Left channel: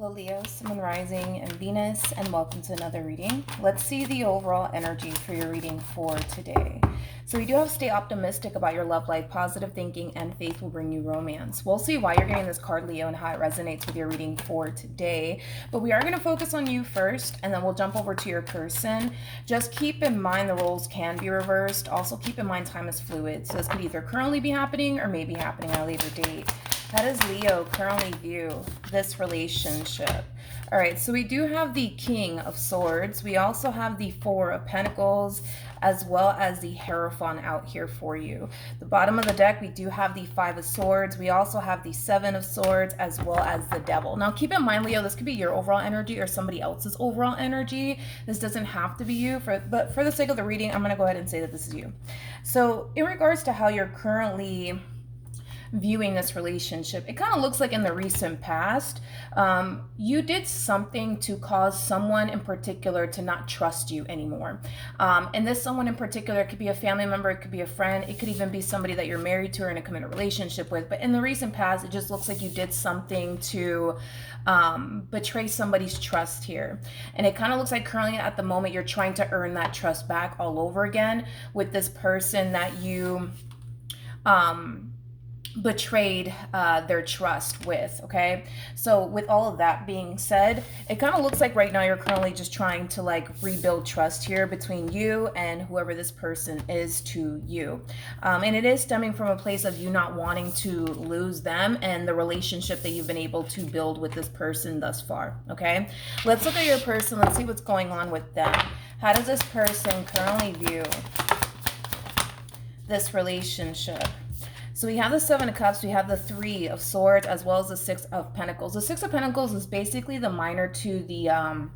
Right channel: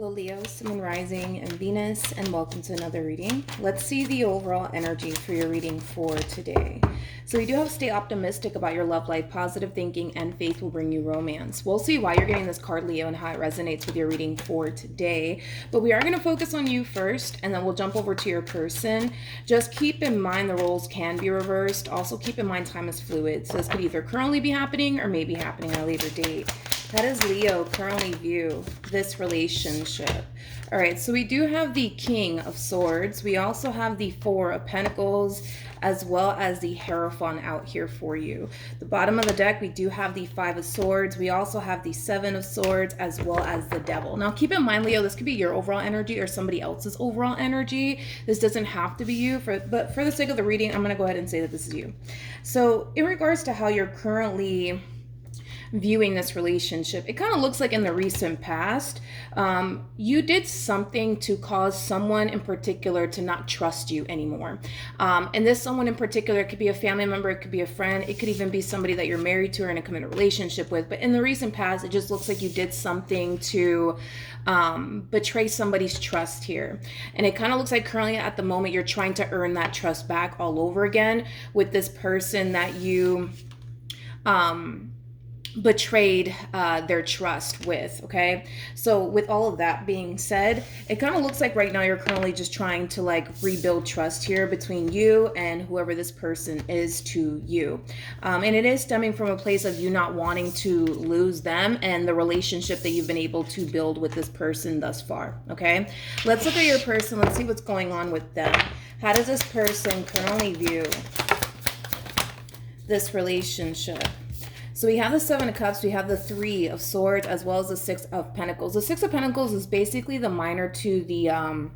Hello Leo, Sun and Rising and Venus, and welcome to another reading. Let's see the overall energy for your reading for today. So we do have to stay optimistic about your love life. Positive thinking and faith will bring you romance. We'll see why you're getting this card, Leo, and how it resonates with your reading for today. But we are going to focus on you first, and then we'll jump over to your person. Just keep in mind the roles can be reversed. Also keep in mind time is fluid. So this could either currently be happening or maybe happening at a later date. How does Leo currently view this relationship? All right, so we do have the King of Swords. We also have the Four of Pentacles, as well as the Hierophant out here for you. The bottom of the deck, we do have the Five of Swords. We also have the Seven of Swords, as well as the Devil. Now, keep in mind, Leo, this could be your overall energy or somebody else's overall energy. This doesn't have to be you, but for the sake of the reading, I'm going to go ahead and say that this is you. So, in regards to how you're currently viewing this relationship, it kind of looks like in the recent past, you did something to cause someone in particular to not trust you anymore. And this someone in particular, it could be a family member, it could be a friend, it could even be somebody that you're married to or in a committed relationship with. But in the recent past, it just looks like you did something to betray somebody's trust here. And it kind of looks like currently at the moment, you're trying to earn that trust back all over again with this person that you betrayed their trust with. Okay, so with all of that being said, it kind of looks like right now you're currently just trying to like rebuild trust here between you and whoever this person is to you, and it is stemming from a place of you not wanting to lose them and the relationship that you've been able to build with this person thus far. Okay, let's look at your person. Let's see what's going on with them. How does this person currently view this relationship? So we have the Seven of Cups, we have the Three of Swords, as well as the Six of Pentacles. The Six of Pentacles is basically the minor to the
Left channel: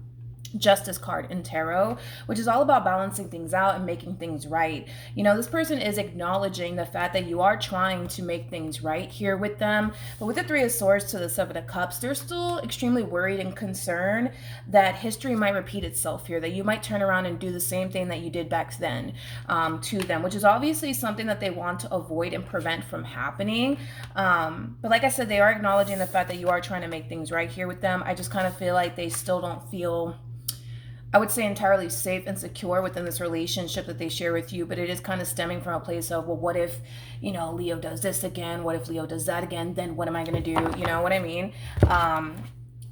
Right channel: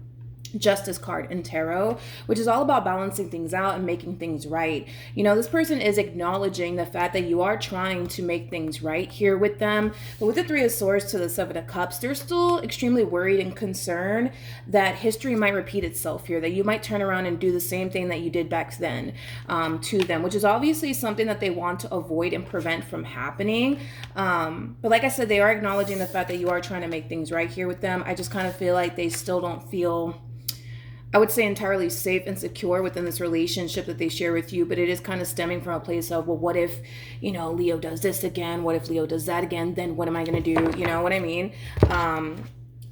Justice card in tarot, which is all about balancing things out and making things right. You know, this person is acknowledging the fact that you are trying to make things right here with them. But with the Three of Swords to the Seven of Cups, they're still extremely worried and concerned that history might repeat itself here, that you might turn around and do the same thing that you did back then to them, which is obviously something that they want to avoid and prevent from happening. But like I said, they are acknowledging the fact that you are trying to make things right here with them. I just kind of feel like they still don't feel, I would say, entirely safe and secure within this relationship that they share with you, but it is kind of stemming from a place of, well, what if, you know, Leo does this again? What if Leo does that again? Then what am I going to do? You know what I mean?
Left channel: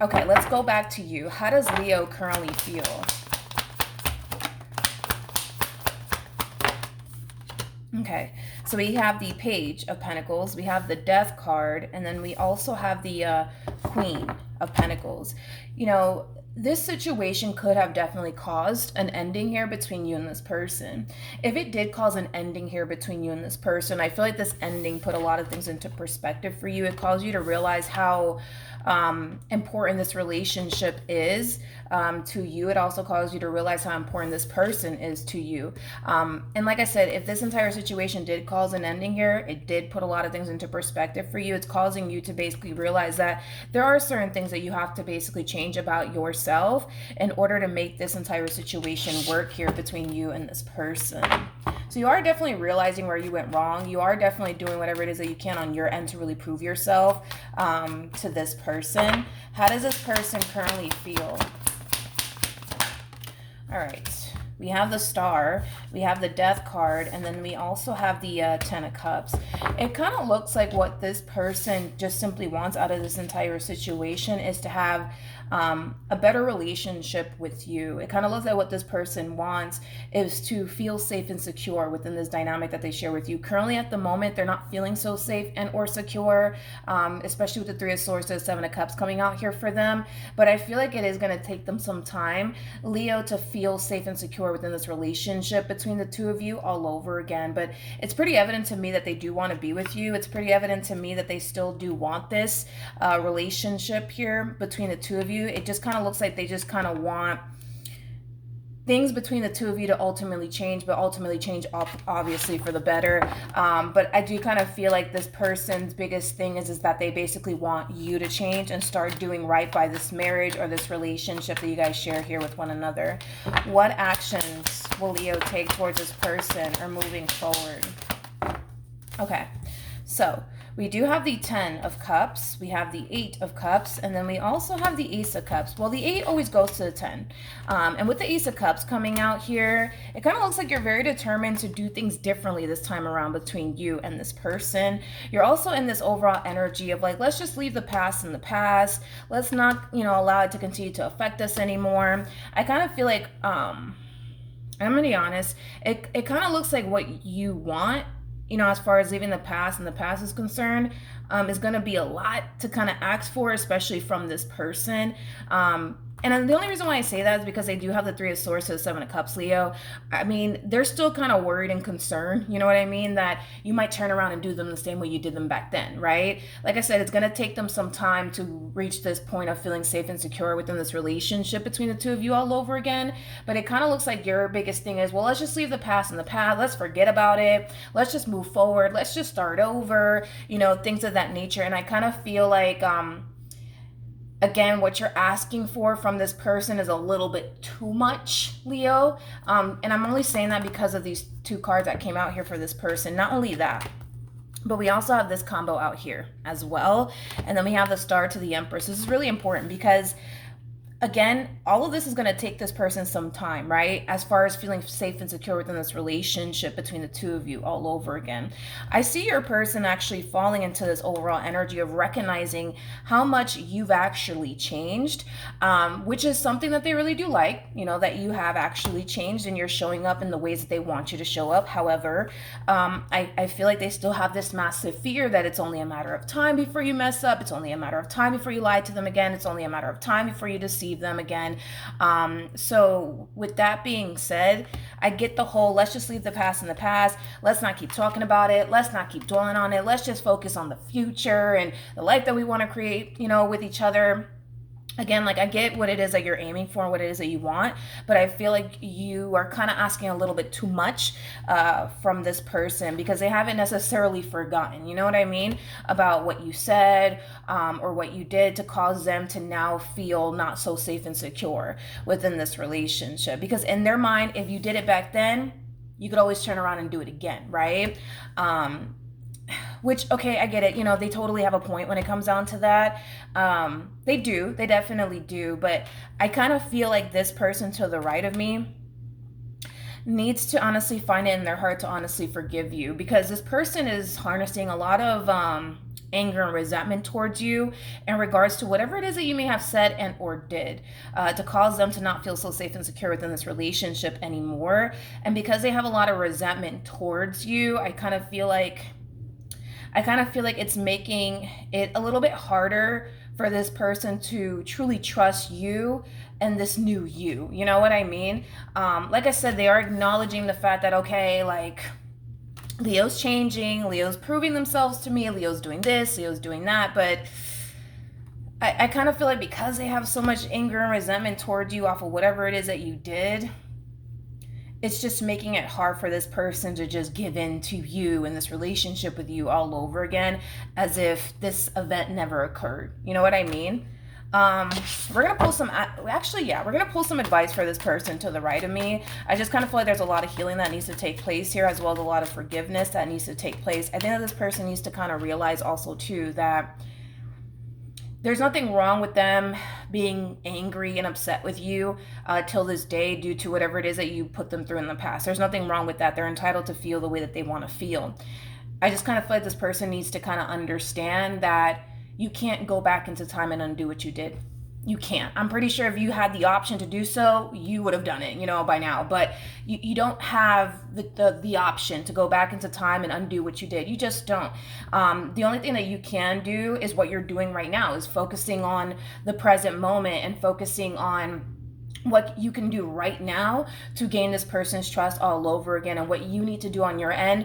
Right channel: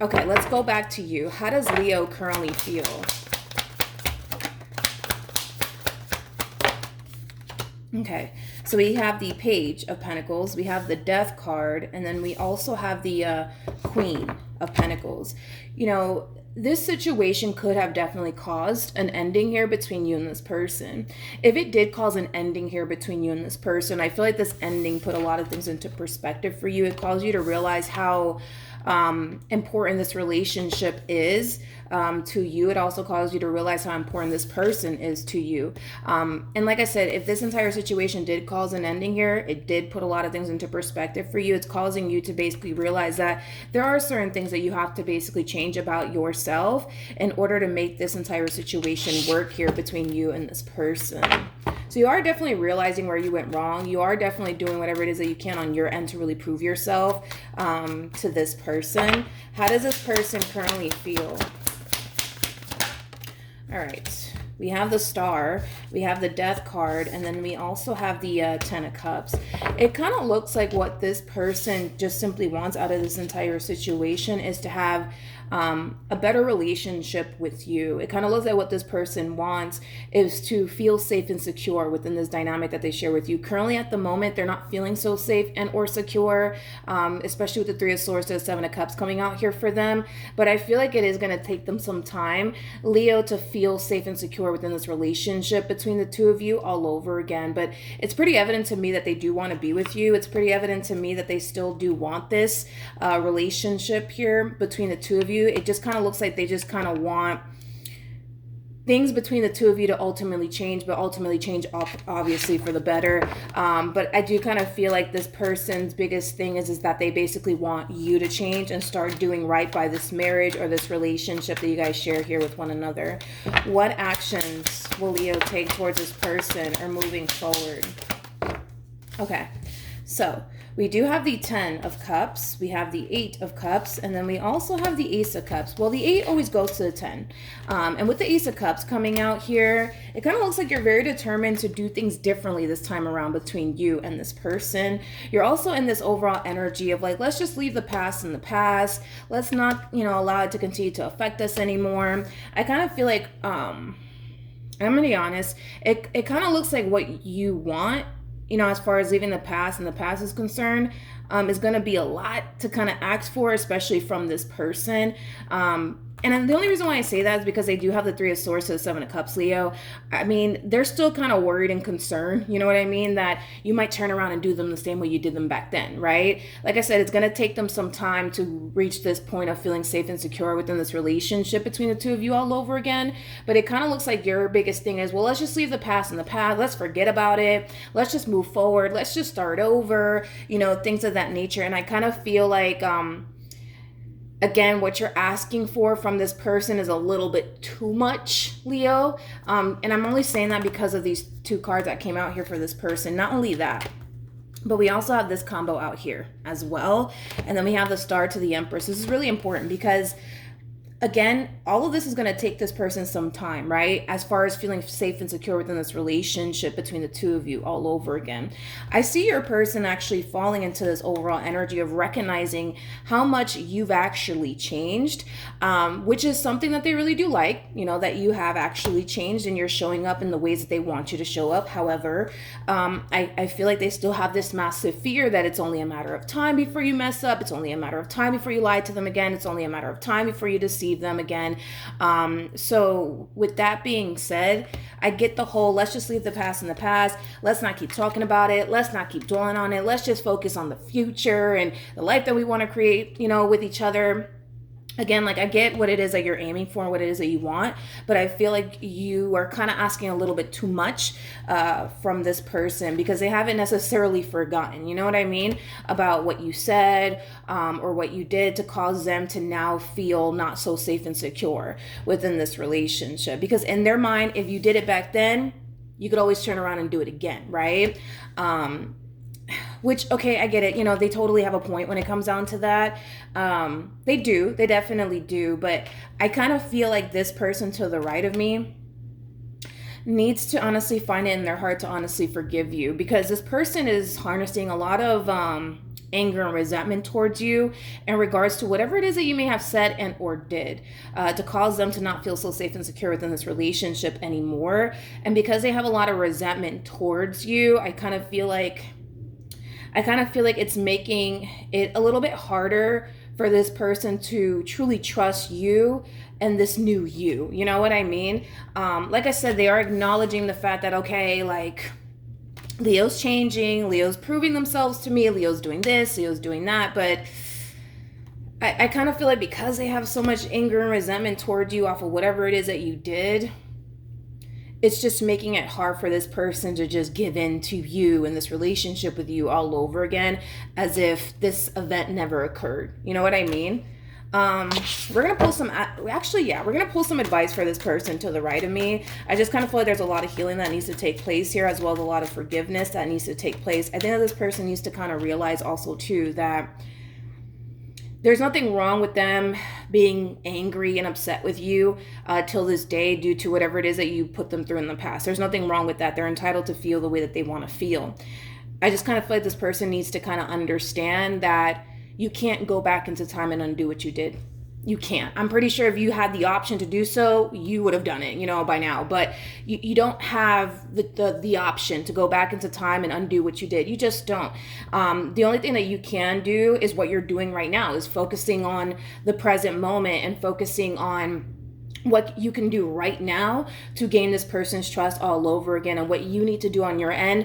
Okay, let's go back to you. How does Leo currently feel? Okay, so we have the Page of Pentacles, we have the Death card, and then we also have the Queen of Pentacles. You know, this situation could have definitely caused an ending here between you and this person. If it did cause an ending here between you and this person, I feel like this ending put a lot of things into perspective for you. It caused you to realize how important this relationship is to you. It also caused you to realize how important this person is to you. And like I said, if this entire situation did cause an ending here, it did put a lot of things into perspective for you. It's causing you to basically realize that there are certain things that you have to basically change about yourself in order to make this entire situation work here between you and this person. So you are definitely realizing where you went wrong. You are definitely doing whatever it is that you can on your end to really prove yourself to this person. How does this person currently feel? All right, we have the Star, we have the Death card, and then we also have the Ten of Cups. It kind of looks like what this person just simply wants out of this entire situation is to have a better relationship with you. It kind of looks like what this person wants is to feel safe and secure within this dynamic that they share with you. Currently at the moment, they're not feeling so safe and or secure, especially with the Three of Swords to the Seven of Cups coming out here for them. But I feel like it is going to take them some time, Leo, to feel safe and secure within this relationship between the two of you all over again. But it's pretty evident to me that they do want to be with you. It's pretty evident to me that they still do want this relationship here between the two of you. It just kind of looks like they just kind of want things between the two of you to ultimately change, but ultimately change obviously for the better. But I do kind of feel like this person's biggest thing is that they basically want you to change and start doing right by this marriage or this relationship that you guys share here with one another. What actions will Leo take towards this person or moving forward? Okay, so We do have the 10 of Cups, we have the 8 of Cups, and then we also have the Ace of Cups. Well, the 8 always goes to the 10. And with the Ace of Cups coming out here, it kind of looks like you're very determined to do things differently this time around between you and this person. You're also in this overall energy of like, let's just leave the past in the past. Let's not, allow it to continue to affect us anymore. I kind of feel like, I'm going to be honest, it kind of looks like what you want, as far as leaving the past and the past is concerned, is going to be a lot to kind of ask for, especially from this person. And the only reason why I say that is because they do have the 3 of Swords to the 7 of Cups, Leo. I mean, they're still kind of worried and concerned, you know what I mean? That you might turn around and do them the same way you did them back then, right? Like I said, it's going to take them some time to reach this point of feeling safe and secure within this relationship between the two of you all over again. But it kind of looks like your biggest thing is, well, let's just leave the past in the past. Let's forget about it. Let's just move forward. Let's just start over, things of that nature. And I kind of feel like, again, what you're asking for from this person is a little bit too much, Leo. And I'm only saying that because of these 2 cards that came out here for this person. Not only that, but we also have this combo out here as well. And then we have the Star to the Empress. This is really important because, again, all of this is going to take this person some time, right? As far as feeling safe and secure within this relationship between the two of you all over again. I see your person actually falling into this overall energy of recognizing how much you've actually changed, which is something that they really do like, that you have actually changed and you're showing up in the ways that they want you to show up. However, I feel like they still have this massive fear that it's only a matter of time before you mess up. It's only a matter of time before you lie to them again. It's only a matter of time before you deceive them again. So with that being said, I get the whole, let's just leave the past in the past. Let's not keep talking about it. Let's not keep dwelling on it. Let's just focus on the future and the life that we want to create, with each other. Again, like I get what it is that you're aiming for and what it is that you want, but I feel like you are kind of asking a little bit too much from this person because they haven't necessarily forgotten, you know what I mean, about what you said or what you did to cause them to now feel not so safe and secure within this relationship. Because in their mind, if you did it back then, you could always turn around and do it again, right? Which, okay, I get it. They totally have a point when it comes down to that. They definitely do. But I kind of feel like this person to the right of me needs to honestly find it in their heart to honestly forgive you, because this person is harnessing a lot of anger and resentment towards you in regards to whatever it is that you may have said and or did to cause them to not feel so safe and secure within this relationship anymore. And because they have a lot of resentment towards you, I kind of feel like it's making it a little bit harder for this person to truly trust you and this new you. You know what I mean? Like I said, they are acknowledging the fact that, okay, like Leo's changing, Leo's proving themselves to me, Leo's doing this, Leo's doing that. But I kind of feel like because they have so much anger and resentment towards you off of whatever it is that you did, it's just making it hard for this person to just give in to you and this relationship with you all over again, as if this event never occurred. You know what I mean? We're going to pull some, we're going to pull some advice for this person to the right of me. I just kind of feel like there's a lot of healing that needs to take place here, as well as a lot of forgiveness that needs to take place. I think that this person needs to kind of realize also too that there's nothing wrong with them being angry and upset with you till this day due to whatever it is that you put them through in the past. There's nothing wrong with that. They're entitled to feel the way that they want to feel. I just kind of feel like this person needs to kind of understand that you can't go back into time and undo what you did. You can't. I'm pretty sure if you had the option to do so, you would have done it, by now. But you don't have the option to go back into time and undo what you did. You just don't. The only thing that you can do is what you're doing right now, is focusing on the present moment and focusing on what you can do right now to gain this person's trust all over again, and what you need to do on your end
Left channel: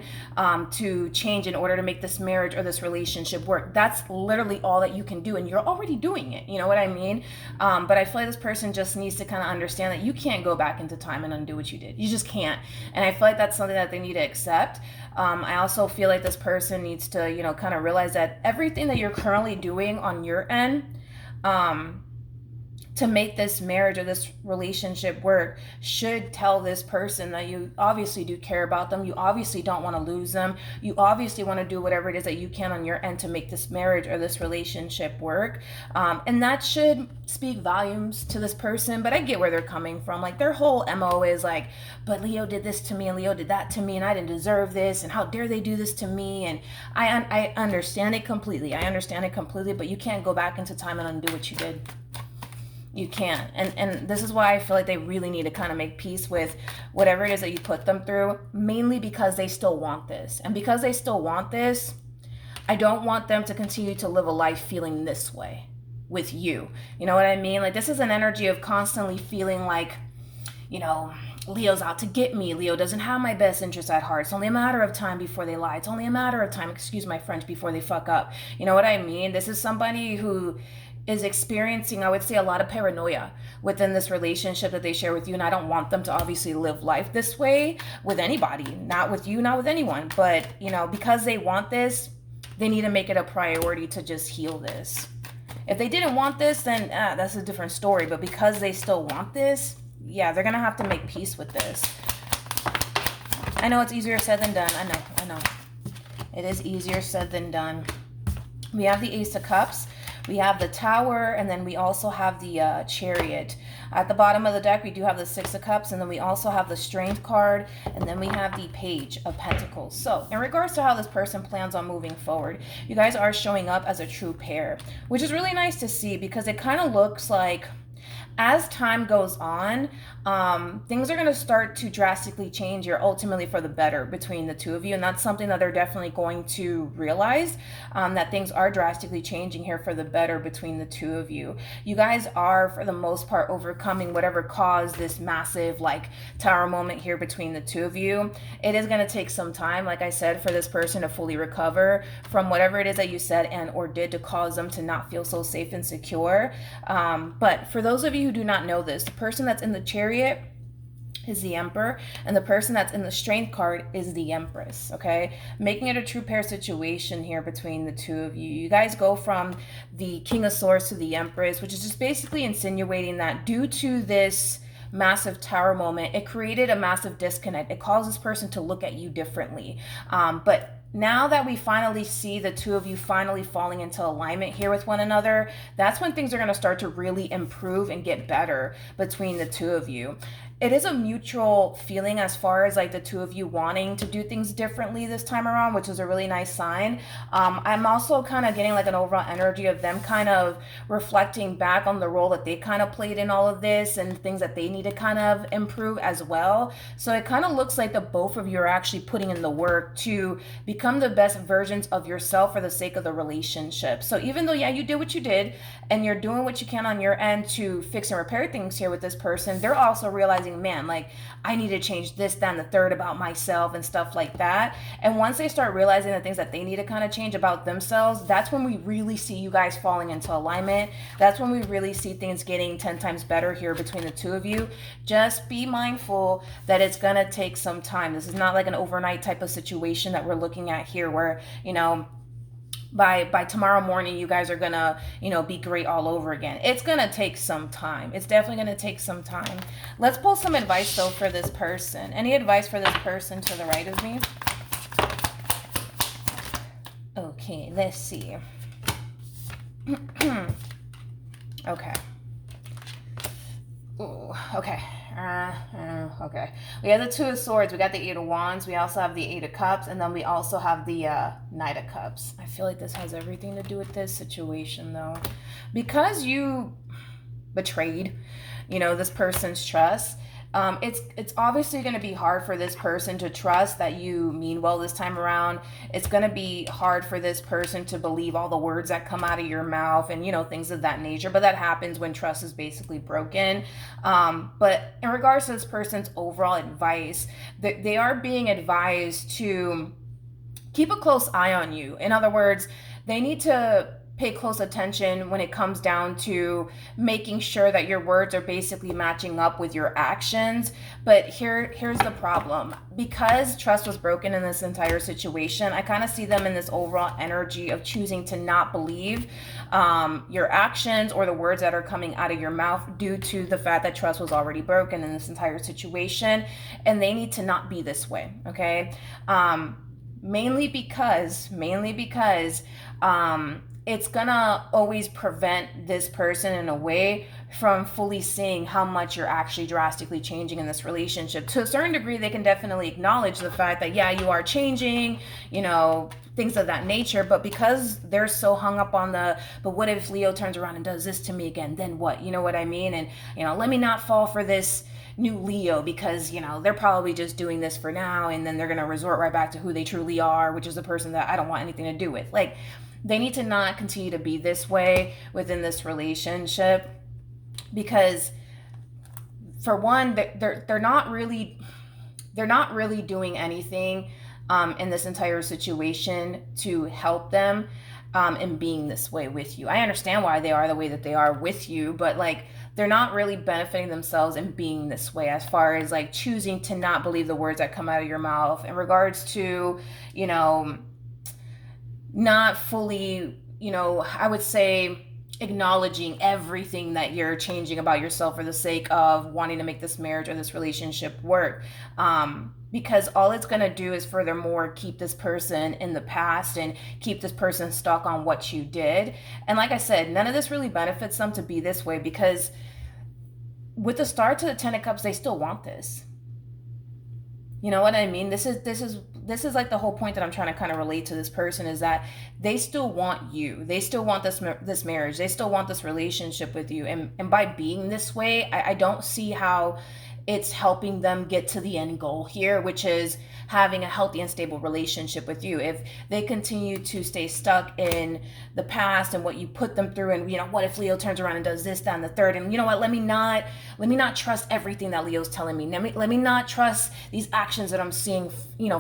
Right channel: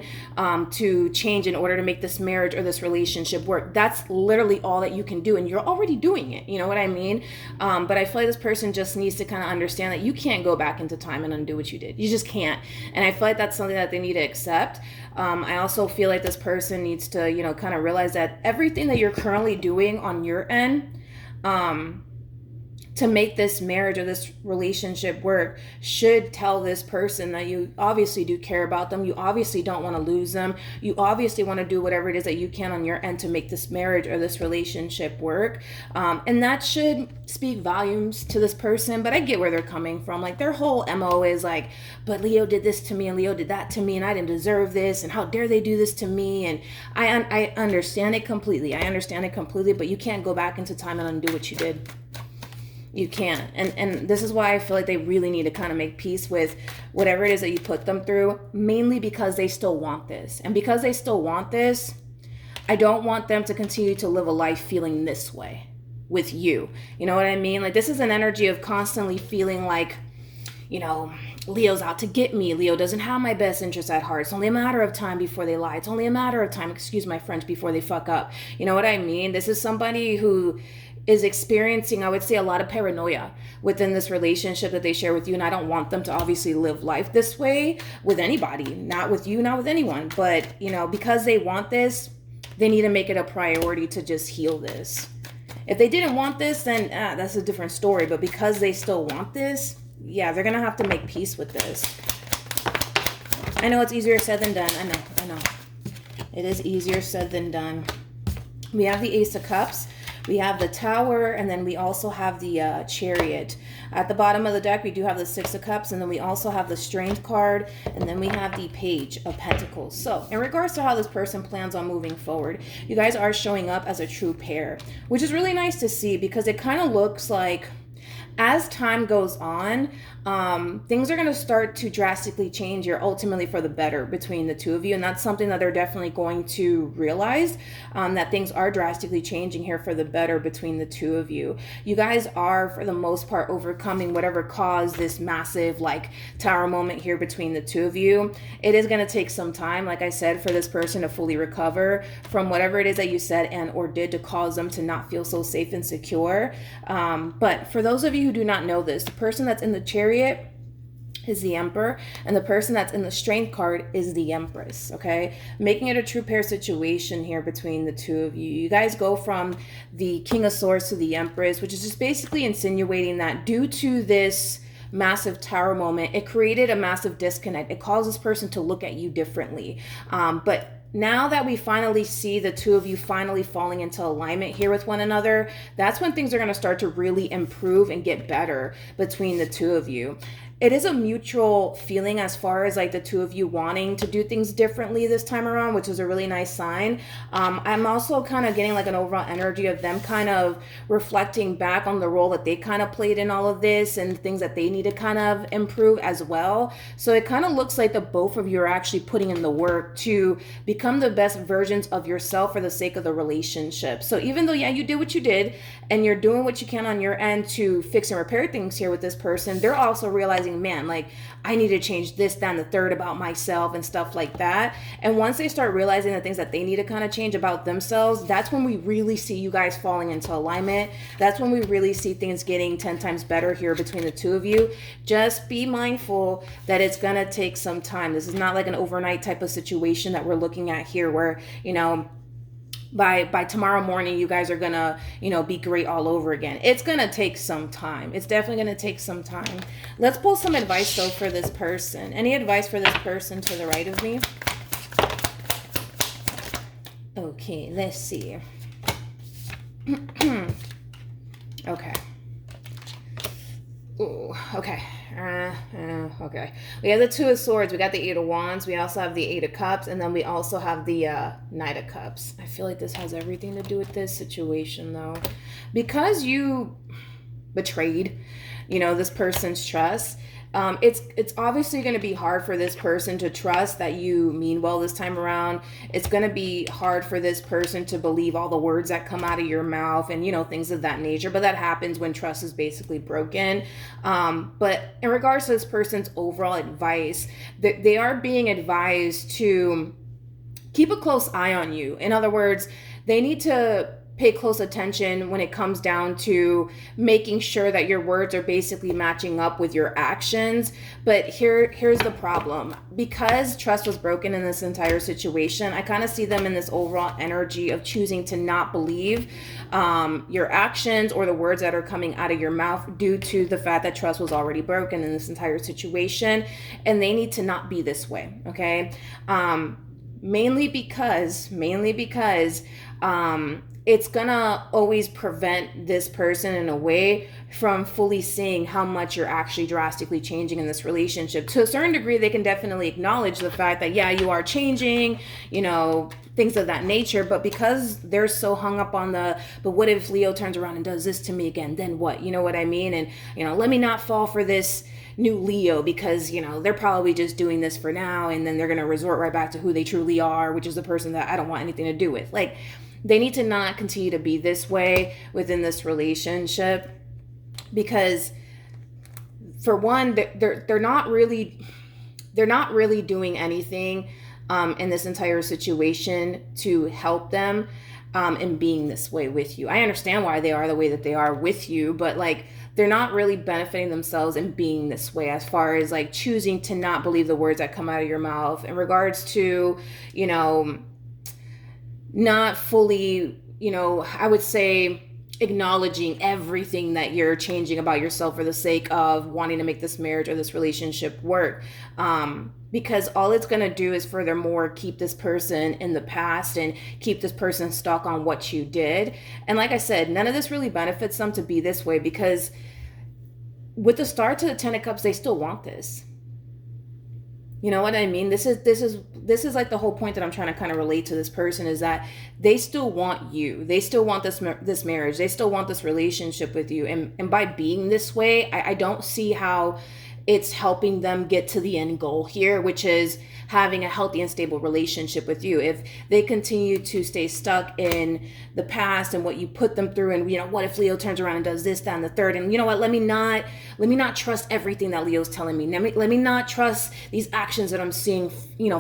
to change in order to make this marriage or this relationship work. That's literally all that you can do, and you're already doing it. You know what I mean? But I feel like this person just needs to kind of understand that you can't go back into time and undo what you did. You just can't. And I feel like that's something that they need to accept. I also feel like this person needs to, kind of realize that everything that you're currently doing on your end, to make this marriage or this relationship work should tell this person that you obviously do care about them. You obviously don't want to lose them. You obviously want to do whatever it is that you can on your end to make this marriage or this relationship work. And that should speak volumes to this person. But I get where they're coming from. Like, their whole MO is like, but Leo did this to me and Leo did that to me and I didn't deserve this and how dare they do this to me. And I understand it completely. But you can't go back into time and undo what you did. You can't. And this is why I feel like they really need to kind of make peace with whatever it is that you put them through, mainly because they still want this. And because they still want this, I don't want them to continue to live a life feeling this way with you. You know what I mean? Like, this is an energy of constantly feeling like, you know, Leo's out to get me. Leo doesn't have my best interest at heart. It's only a matter of time before they lie. It's only a matter of time, excuse my French, before they fuck up. You know what I mean? This is somebody who is experiencing, I would say, a lot of paranoia within this relationship that they share with you. And I don't want them to obviously live life this way with anybody, not with you, not with anyone. But, you know, because they want this, they need to make it a priority to just heal this. If they didn't want this, then that's a different story. But because they still want this, yeah, they're going to have to make peace with this. I know it's easier said than done. I know. It is easier said than done. We have the Ace of Cups. We have the Tower, and then we also have the Chariot. At the bottom of the deck, we do have the Six of Cups, and then we also have the Strength card, and then we have the Page of Pentacles. So, in regards to how this person plans on moving forward, you guys are showing up as a true pair, which is really nice to see because it kind of looks like as time goes on, things are going to start to drastically change here, ultimately for the better between the two of you. And that's something that they're definitely going to realize, that things are drastically changing here for the better between the two of you. You guys are, for the most part, overcoming whatever caused this massive, like, tower moment here between the two of you. It is going to take some time, like I said, for this person to fully recover from whatever it is that you said and or did to cause them to not feel so safe and secure. But for those of you who do not know this, the person that's in the Chariot is the Emperor, and the person that's in the Strength card is the Empress, okay? Making it a true pair situation here between the two of you. You guys go from the King of Swords to the Empress, which is just basically insinuating that due to this massive tower moment, it created a massive disconnect. It caused this person to look at you differently. But now that we finally see the two of you finally falling into alignment here with one another, that's when things are going to start to really improve and get better between the two of you. It is a mutual feeling as far as like the two of you wanting to do things differently this time around, which is a really nice sign. I'm also kind of getting like an overall energy of them kind of reflecting back on the role that they kind of played in all of this and things that they need to kind of improve as well. So it kind of looks like the both of you are actually putting in the work to become the best versions of yourself for the sake of the relationship. So even though, yeah, you did what you did and you're doing what you can on your end to fix and repair things here with this person, they're also realizing, man, like, I need to change this, that, and the third about myself and stuff like that. And once they start realizing the things that they need to kind of change about themselves, that's when we really see you guys falling into alignment. That's when we really see things getting 10 times better here between the two of you. Just be mindful that it's going to take some time. This is not like an overnight type of situation that we're looking at here where, you know, by tomorrow morning, you guys are gonna, you know, be great all over again. It's gonna take some time. It's definitely gonna take some time. Let's pull some advice though for this person. Any advice for this person to the right of me? Okay, let's see. Okay. Ooh, okay. Okay. We have the Two of Swords. We got the Eight of Wands. We also have the Eight of Cups. And then we also have the Knight of Cups. I feel like this has everything to do with this situation, though. Because you betrayed, you know, this person's trust, it's obviously going to be hard for this person to trust that you mean well this time around. It's going to be hard for this person to believe all the words that come out of your mouth and, you know, things of that nature. But that happens when trust is basically broken. But in regards to this person's overall advice, they are being advised to keep a close eye on you. In other words, they need to pay close attention when it comes down to making sure that your words are basically matching up with your actions. But here's the problem. Because trust was broken in this entire situation, I kind of see them in this overall energy of choosing to not believe your actions or the words that are coming out of your mouth due to the fact that trust was already broken in this entire situation, and they need to not be this way. Okay. Mainly because it's gonna always prevent this person in a way from fully seeing how much you're actually drastically changing in this relationship. To a certain degree, they can definitely acknowledge the fact that, yeah, you are changing, things of that nature. But because they're so hung up on but what if Leo turns around and does this to me again? Then what? You know what I mean? And, let me not fall for this new Leo because, they're probably just doing this for now. And then they're going to resort right back to who they truly are, which is the person that I don't want anything to do with. Like, they need to not continue to be this way within this relationship, because for one, they're not really doing anything in this entire situation to help them in being this way with you. I understand why they are the way that they are with you, but like, they're not really benefiting themselves in being this way, as far as like choosing to not believe the words that come out of your mouth in regards to, not fully, I would say, acknowledging everything that you're changing about yourself for the sake of wanting to make this marriage or this relationship work. Because all it's going to do is furthermore keep this person in the past and keep this person stuck on what you did. And like I said, none of this really benefits them to be this way, because with the star to the 10 of Cups, they still want this. You know what I mean? This is like the whole point that I'm trying to kind of relate to this person, is that they still want you. They still want this marriage. They still want this relationship with you. And by being this way, I don't see how it's helping them get to the end goal here, which is having a healthy and stable relationship with you. If they continue to stay stuck in the past and what you put them through, and what if Leo turns around and does this, that, and the third, and you know what, let me not trust everything that Leo's telling me. Let me not trust these actions that I'm seeing,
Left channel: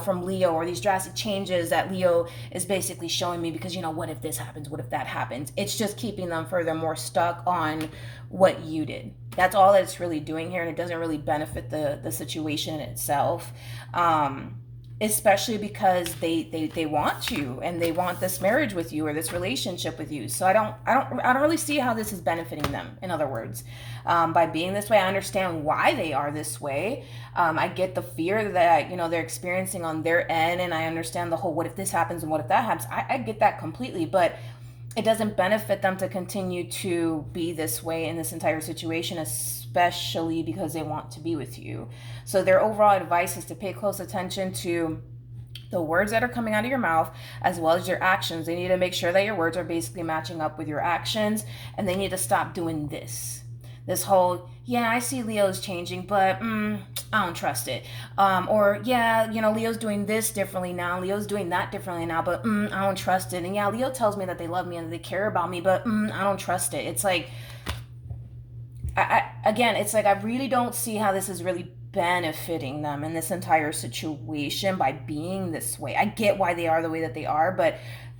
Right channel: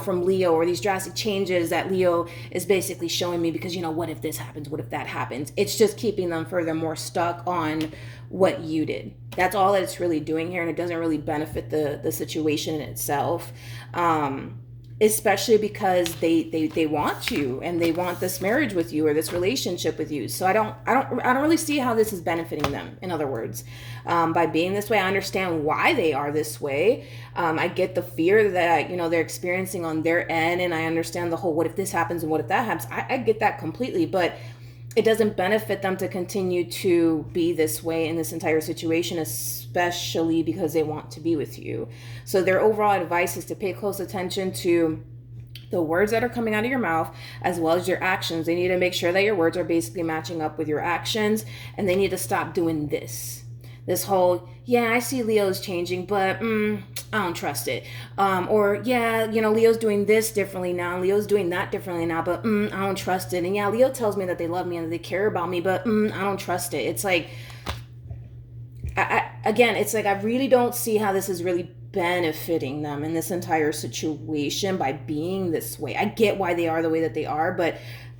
from Leo, or these drastic changes that Leo is basically showing me, because what if this happens? What if that happens? It's just keeping them furthermore stuck on what you did. That's all it's really doing here, and it doesn't really benefit the situation itself. Especially because they want you, and they want this marriage with you, or this relationship with you. So I don't really see how this is benefiting them. In other words, by being this way, I understand why they are this way. I get the fear that they're experiencing on their end, and I understand the whole what if this happens and what if that happens. I get that completely, but it doesn't benefit them to continue to be this way in this entire situation, especially because they want to be with you. So their overall advice is to pay close attention to the words that are coming out of your mouth, as well as your actions. They need to make sure that your words are basically matching up with your actions, and they need to stop doing this whole, yeah, I see Leo's changing, but I don't trust it. Or, yeah, Leo's doing this differently now, Leo's doing that differently now, but I don't trust it. And yeah, Leo tells me that they love me and that they care about me, but I don't trust it. It's like, I really don't see how this is really benefiting them in this entire situation by being this way. I get why they are the way that they are, but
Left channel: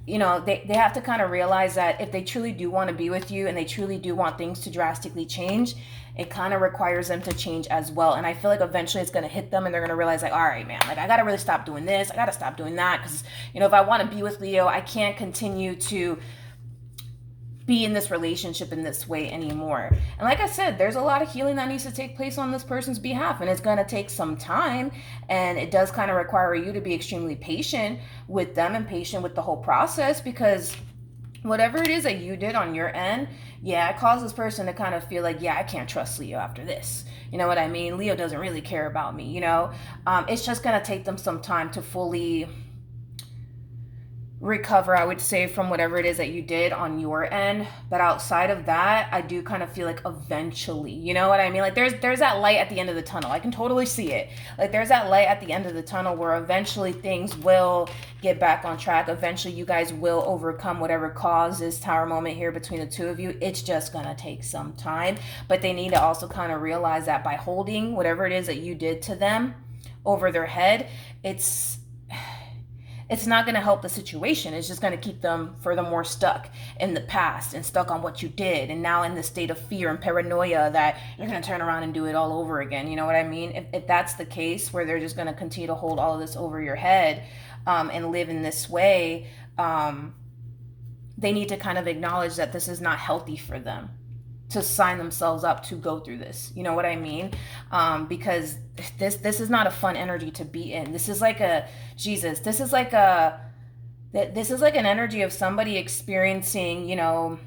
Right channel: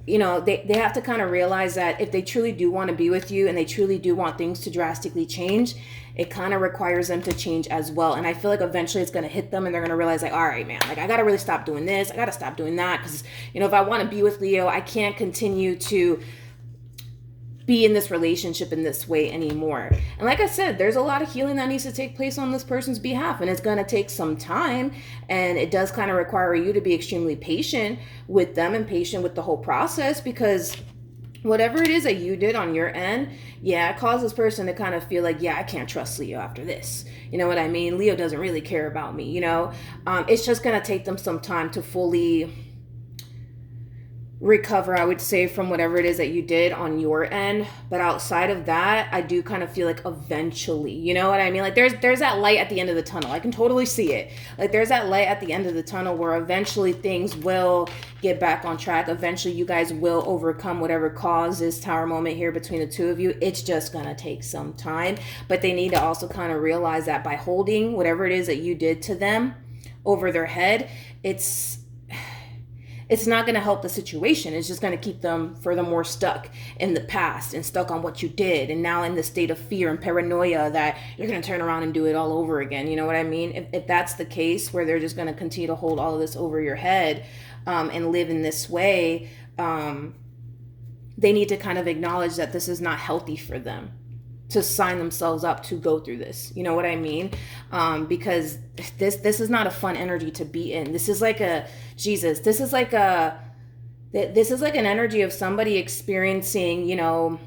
they have to kind of realize that if they truly do want to be with you, and they truly do want things to drastically change, it kind of requires them to change as well. And I feel like eventually it's going to hit them, and they're going to realize, like, all right, man, like, I got to really stop doing this. I got to stop doing that, because, if I want to be with Leo, I can't continue to be in this relationship in this way anymore. And like I said, there's a lot of healing that needs to take place on this person's behalf, and it's going to take some time, and it does kind of require you to be extremely patient with them and patient with the whole process, because whatever it is that you did on your end, yeah, it caused this person to kind of feel like, yeah, I can't trust Leo after this. You know what I mean? Leo doesn't really care about me, It's just going to take them some time to fully recover, I would say, from whatever it is that you did on your end. But outside of that, I do kind of feel like eventually, you know what I mean? Like there's that light at the end of the tunnel. I can totally see it. Like there's that light at the end of the tunnel where eventually things will get back on track. Eventually you guys will overcome whatever caused this tower moment here between the two of you. It's just gonna take some time, but they need to also kind of realize that by holding whatever it is that you did to them over their head, it's not going to help the situation. It's just going to keep them furthermore stuck in the past and stuck on what you did, and now in the state of fear and paranoia that you're going to turn around and do it all over again. You know what I mean? If that's the case, where they're just going to continue to hold all of this over your head and live in this way, they need to kind of acknowledge that this is not healthy for them to sign themselves up to go through this. You know what I mean? Because this is not a fun energy to be in. This is like an energy of somebody experiencing, you know,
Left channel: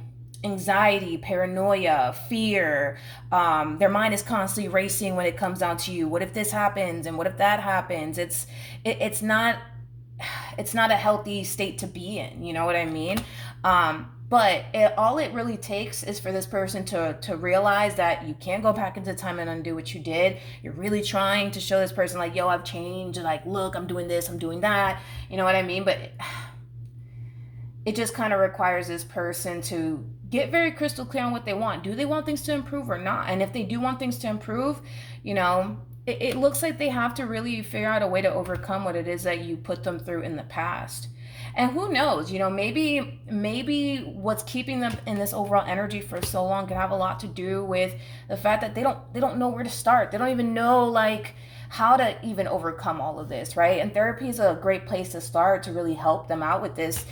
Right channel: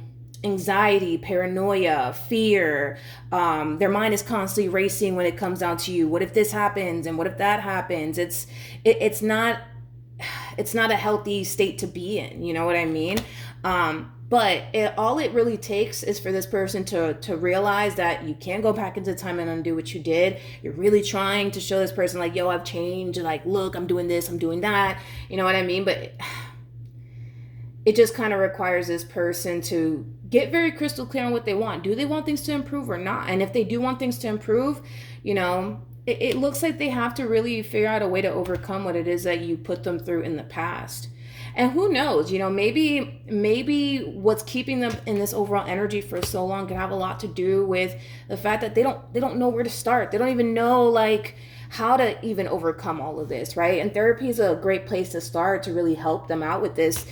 anxiety, paranoia, fear. Their mind is constantly racing when it comes down to you. What if this happens? And what if that happens? It's not a healthy state to be in. You know what I mean? But all it really takes is for this person to realize that you can't go back into time and undo what you did. You're really trying to show this person like, yo, I've changed, and like, look, I'm doing this, I'm doing that. You know what I mean? But it just kind of requires this person to get very crystal clear on what they want. Do they want things to improve or not? And if they do want things to improve, you know, it looks like they have to really figure out a way to overcome what it is that you put them through in the past. And who knows, you know, maybe what's keeping them in this overall energy for so long can have a lot to do with the fact that they don't know where to start. They don't even know like how to even overcome all of this, right? And therapy is a great place to start to really help them out with this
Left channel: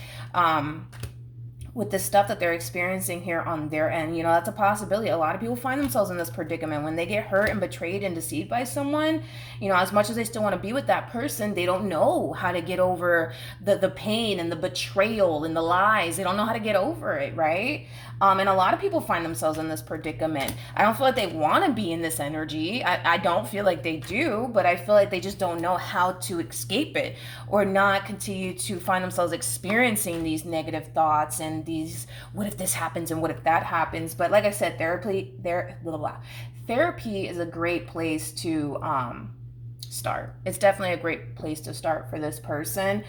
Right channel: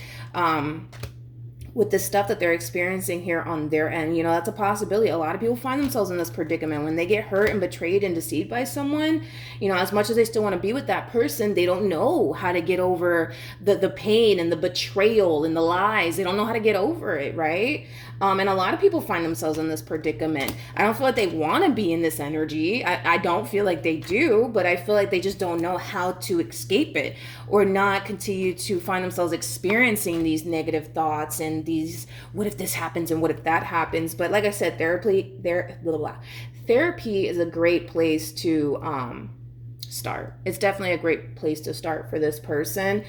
stuff that they're experiencing here on their end. You know, that's a possibility. A lot of people find themselves in this predicament when they get hurt and betrayed and deceived by someone. You know, as much as they still want to be with that person, they don't know how to get over the pain and the betrayal and the lies. They don't know how to get over it, right? And a lot of people find themselves in this predicament. I don't feel like they want to be in this energy. I don't feel like they do, but I feel like they just don't know how to escape it or not continue to find themselves experiencing these negative thoughts and these, what if this happens and what if that happens? But like I said, therapy is a great place to start. It's definitely a great place to start for this person.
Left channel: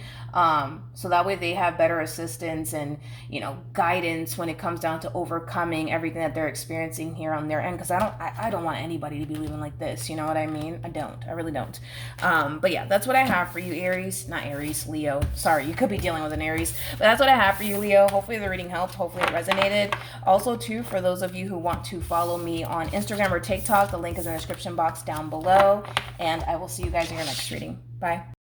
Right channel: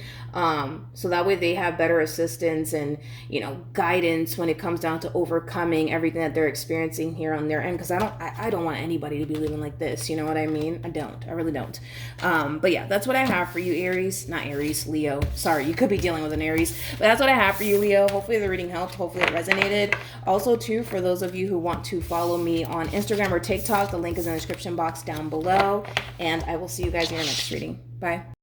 So that way they have better assistance and, you know, guidance when it comes down to overcoming everything that they're experiencing here on their end. Because I don't want anybody to be living like this. You know what I mean? I really don't. But yeah, that's what I have for you, Leo. Sorry, you could be dealing with an Aries. But that's what I have for you, Leo. Hopefully the reading helped. Hopefully it resonated. Also, too, for those of you who want to follow me on Instagram or TikTok, the link is in the description box down below. And I will see you guys in your next reading. Bye.